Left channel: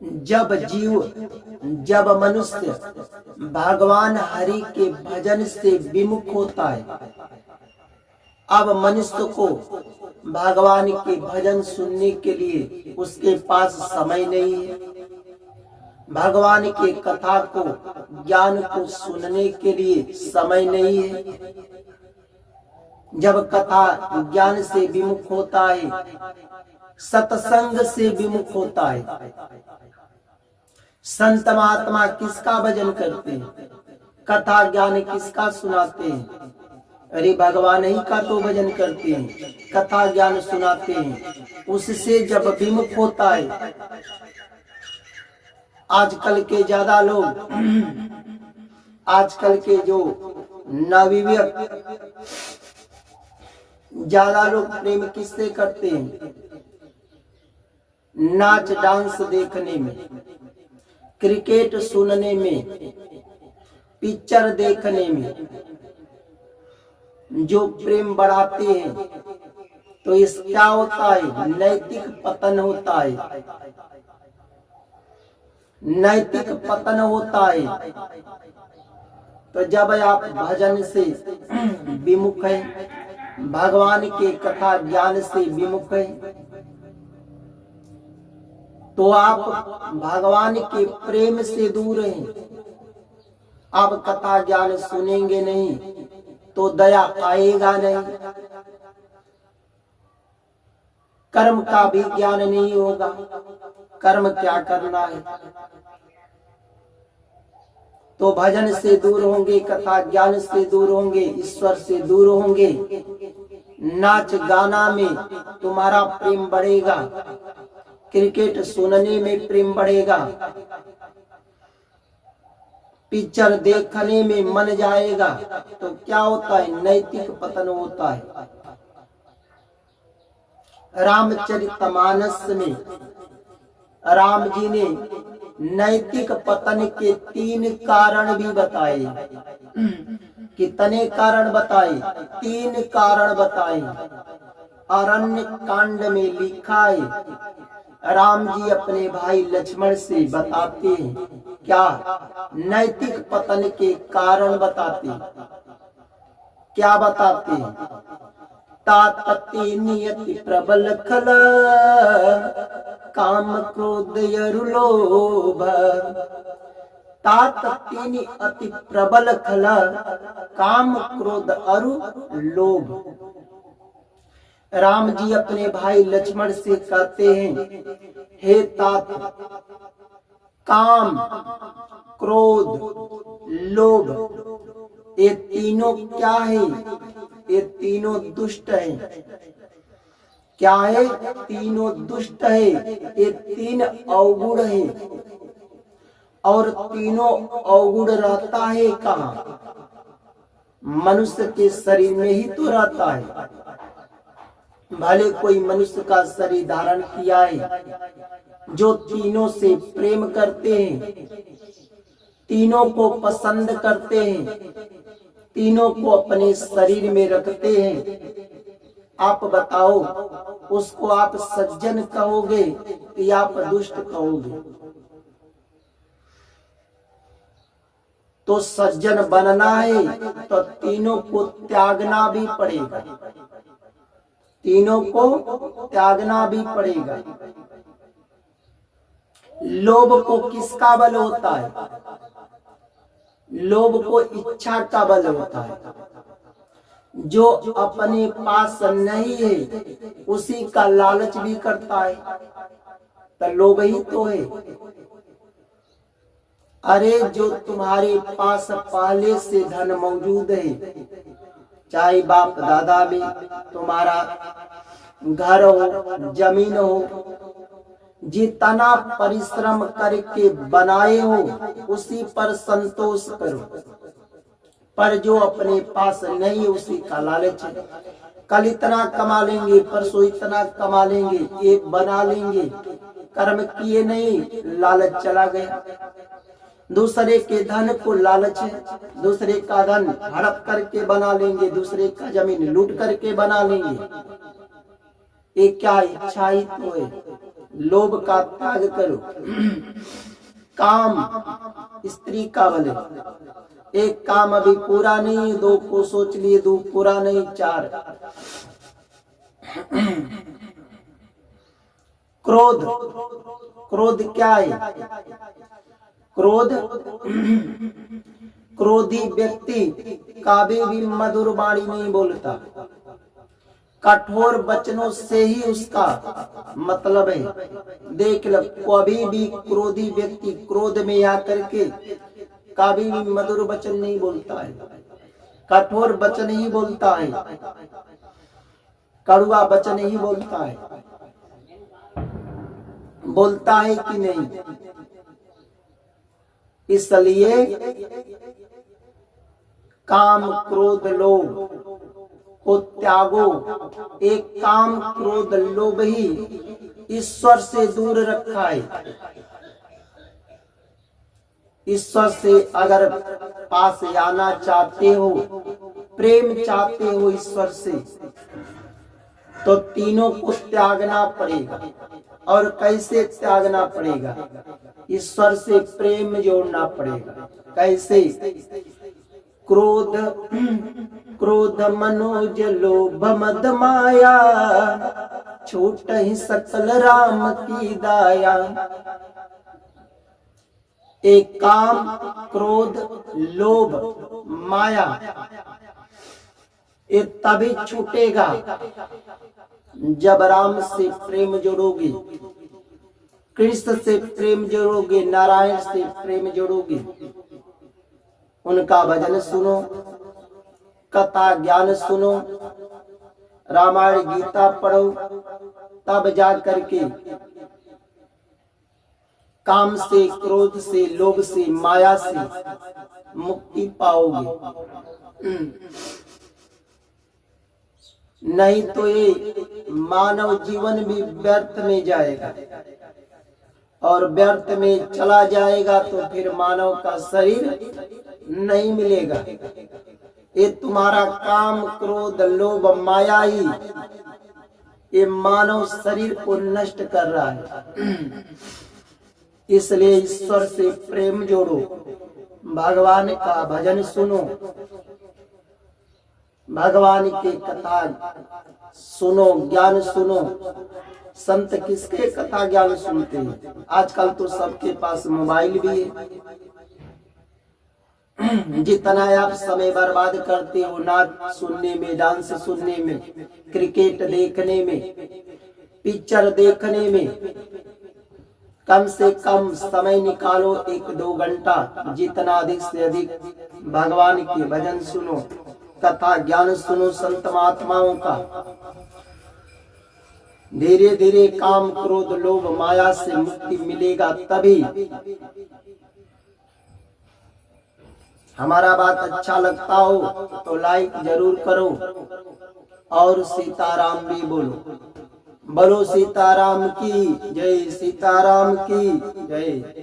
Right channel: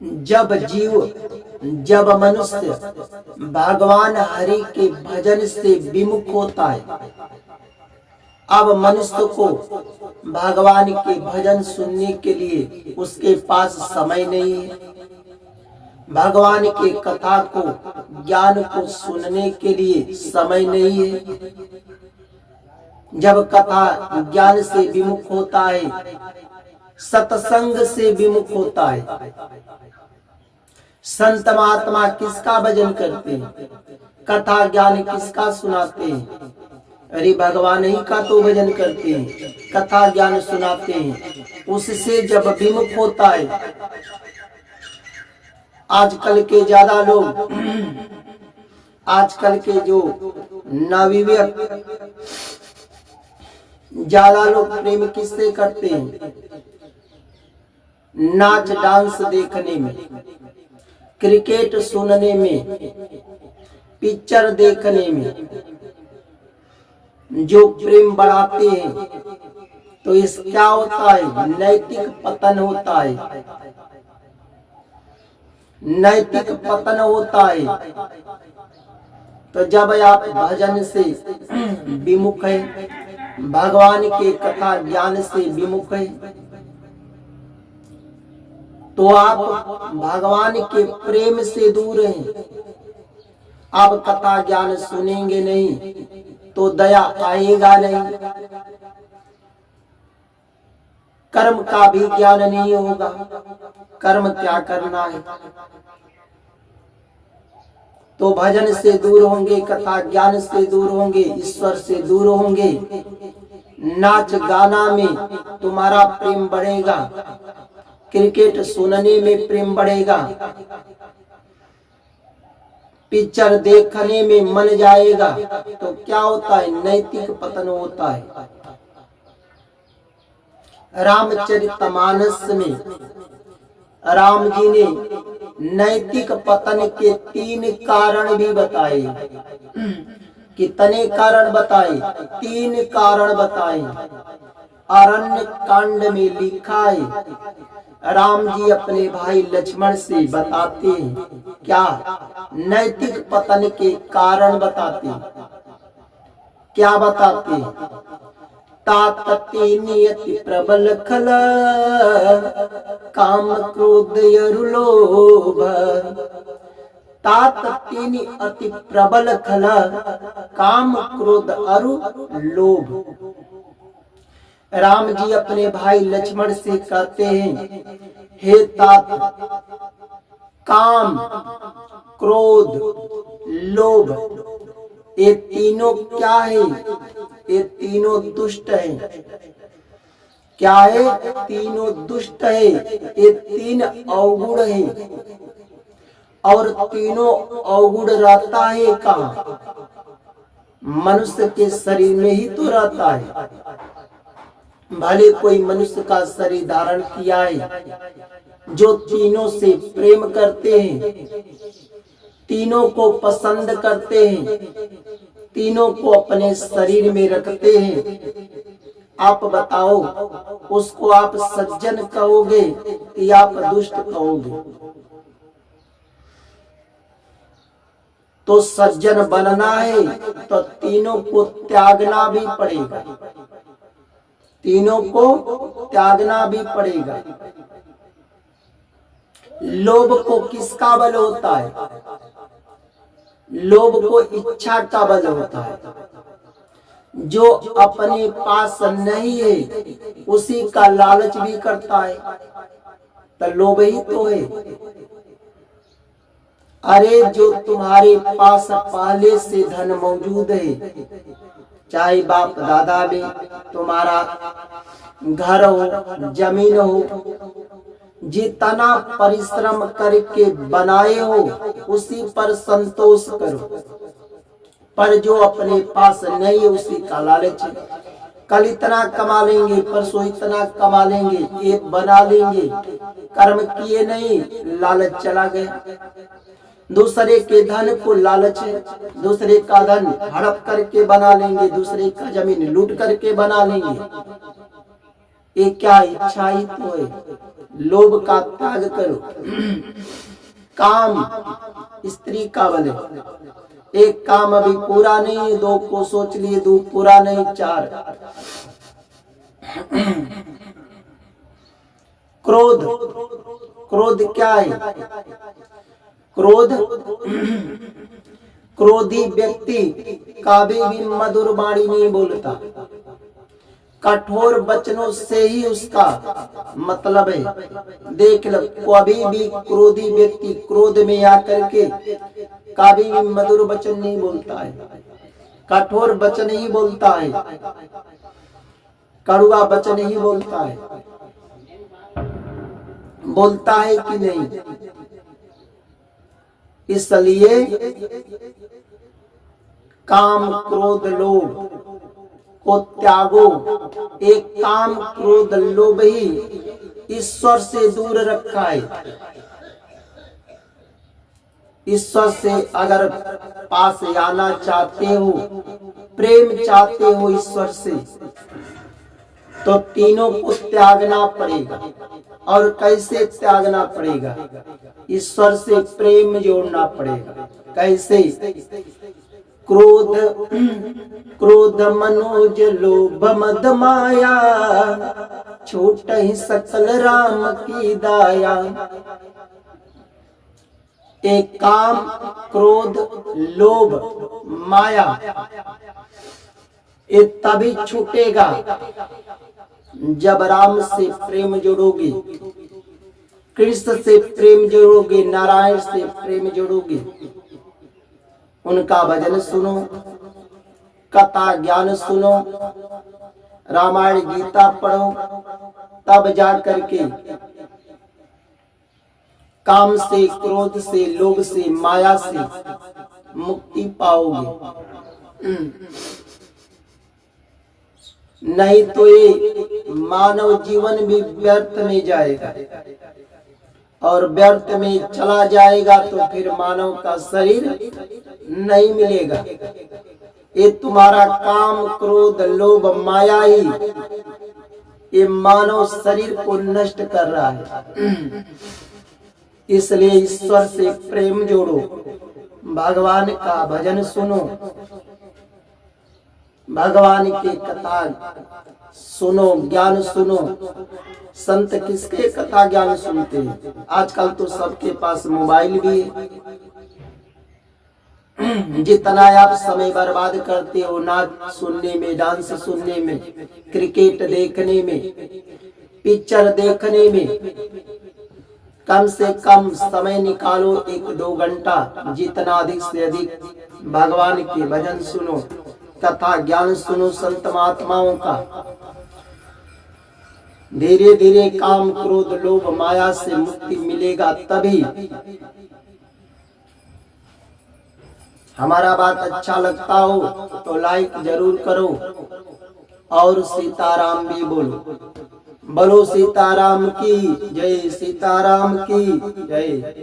जब मनुष्य भगवान हरि के भजन से विमुख होता है, अब मनुष्य को भगवान के भजन सुनने के लिए उसके पास समय नहीं है। भगवान के कथा को, ज्ञान को सुनने के लिए समय नहीं है। जब कथा ज्ञान से विमुख होता है, सत्संग से विमुख होता है, संत महात्मा किसका भजन करते हैं, कथा ज्ञान किसका सुनाते हैं? अरे भगवान ही का तो भजन करते हैं, कथा ज्ञान सुनाते हैं। उससे जब विमुख होता है, आजकल के ज्यादा लोग, आजकल के जो नवयुवक, ज्यादा लोग प्रेम किससे करते हैं? नाच डांस देखने में, क्रिकेट सुनने में, पिक्चर देखने में जो प्रेम बढ़ाते हैं, तो इस क्या होता है? नैतिक पतन होता है, नैतिक पतन होता है। तो जब आप भजन से विमुख है, भगवान के कथा ज्ञान से विमुख है, तो आप भगवान के प्रेम से दूर हैं। आप कथा ज्ञान सुनेंगे नहीं तो दया आएगा नहीं, कर्म का भी ज्ञान नहीं होगा, कर्म क्या करना है। तो भजन से दूर होंगे, कथा ज्ञान से दूर होंगे, ईश्वर से दूर होंगे। नाच गाना में तुम्हारा प्रेम बढ़ेगा, क्रिकेट सुनने में प्रेम बढ़ेगा, पिक्चर देखने में मन जाएगा, तो क्या होता है? नैतिक पतन होता है। रामचरितमानस में राम जी ने नैतिक पतन के 3 कारण भी बताए। कितने कारण बताए? 3 कारण बताए। अरण्य कांड में लिखा है, राम जी अपने भाई लक्ष्मण से बताते हैं, क्या? नैतिक पतन के कारण बताते हैं। क्या बताते हैं? तातते नियति प्रबल खल, काम क्रोध यरु लोभ। तातते अति प्रबल खल, काम क्रोध अरु लोभ। राम जी अपने भाई लक्ष्मण से कहते हैं, हे तात, काम, क्रोध, लोभ, ये तीनों क्या है? ये तीनों दुष्ट है। क्या है? तीनों दुष्ट है। ये 3 अवगुण है, और तीनों अवगुण रहता है कहाँ? मनुष्य के शरीर में ही तो रहता है। भले कोई मनुष्य का शरीर धारण किया है, जो तीनों से प्रेम करते हैं, तीनों को पसंद करते हैं, तीनों को अपने शरीर में रखते हैं, आप बताओ उसको आप सज्जन कहोगे कि आप दुष्ट कहोगे? तो सज्जन बनना है तो तीनों को त्यागना भी पड़ेगा, तीनों को त्यागना भी पड़ेगा। लोभ को किसका बल होता है? लोभ को इच्छा का बल होता है। जो अपने पास नहीं है उसी का लालच भी करता है, तो लोभ ही तो है। अरे जो तुम्हारे पास पहले से धन मौजूद है, चाहे बाप दादा में तुम्हारा घर हो, जमीन हो, जितना परिश्रम करके बनाए हो उसी पर संतोष करो। पर जो अपने पास नहीं है उसी का लालच है। कल इतना कमा लेंगे, परसों इतना कमा लेंगे, ये बना लेंगे, कर्म किए नहीं, लालच चला गया। दूसरे के धन को लालच है, दूसरे का धन हड़प करके बना लेंगे, दूसरे का जमीन लूट करके बना लेंगे। ये क्या इच्छा ही तो है। लोभ का त्याग करो। काम स्त्री का बने, एक काम अभी पूरा नहीं, दो को सोच लिए, दो पूरा नहीं, चार। क्रोध, क्रोध क्या है? क्रोध, क्रोधी व्यक्ति कभी भी मधुर वाणी नहीं बोलता, कठोर वचनों से ही उसका मतलब है। देख लो, कभी भी क्रोधी व्यक्ति क्रोध में आकर के कभी भी मधुर वचन नहीं बोलता है, कठोर वचन ही बोलता है, कड़वा वचन ही बोलता है। बोलता है कि नहीं? इसलिए काम क्रोध लोभ को त्यागो। एक काम क्रोध लोभ ही ईश्वर से दूर रखा है। ईश्वर से अगर पास आना चाहते हो, प्रेम चाहते हो ईश्वर से, तो तीनों को त्यागना पड़ेगा। और कैसे त्यागना पड़ेगा? ईश्वर से प्रेम जोड़ना पड़ेगा। कैसे? क्रोध, क्रोध मनोज लोभ मद माया, छूट ही सकल राम की दाया। एक काम क्रोध लोभ माया, ये तभी छूटेगा जब राम से प्रेम जोड़ोगे, कृष्ण से प्रेम जोड़ोगे, नारायण से प्रेम जोड़ोगे, उनका भजन सुनो, कथा ज्ञान सुनो, रामायण गीता पढ़ो, तब जा करके काम से, क्रोध से, लोभ से, माया से मुक्ति पाओगे। नहीं तो ये मानव जीवन भी व्यर्थ में जाएगा, और व्यर्थ में चला जाएगा तो फिर मानव का शरीर नहीं मिलेगा। ये तुम्हारा काम क्रोध लोभ माया ही ये मानव शरीर को नष्ट कर रहा है। इसलिए ईश्वर से प्रेम जोड़ो, भगवान का भजन सुनो, भगवान की कथा सुनो, ज्ञान सुनो। संत किसके कथा ज्ञान सुनते हैं? आजकल तो सबके पास मोबाइल भी है। जितना आप समय बर्बाद करते हो नाच सुनने में, डांस सुनने में, क्रिकेट देखने में, पिक्चर देखने में, कम से कम समय निकालो 1-2 घंटा। जितना अधिक से अधिक भगवान के भजन सुनो, कथा ज्ञान सुनो संत महात्माओं का। धीरे धीरे काम क्रोध लोभ माया से मुक्ति मिलेगा। तभी हमारा बात अच्छा लगता हो तो लाइक जरूर करो, और सीताराम भी बोलो। बोलो सीताराम की जय, सीताराम की जय।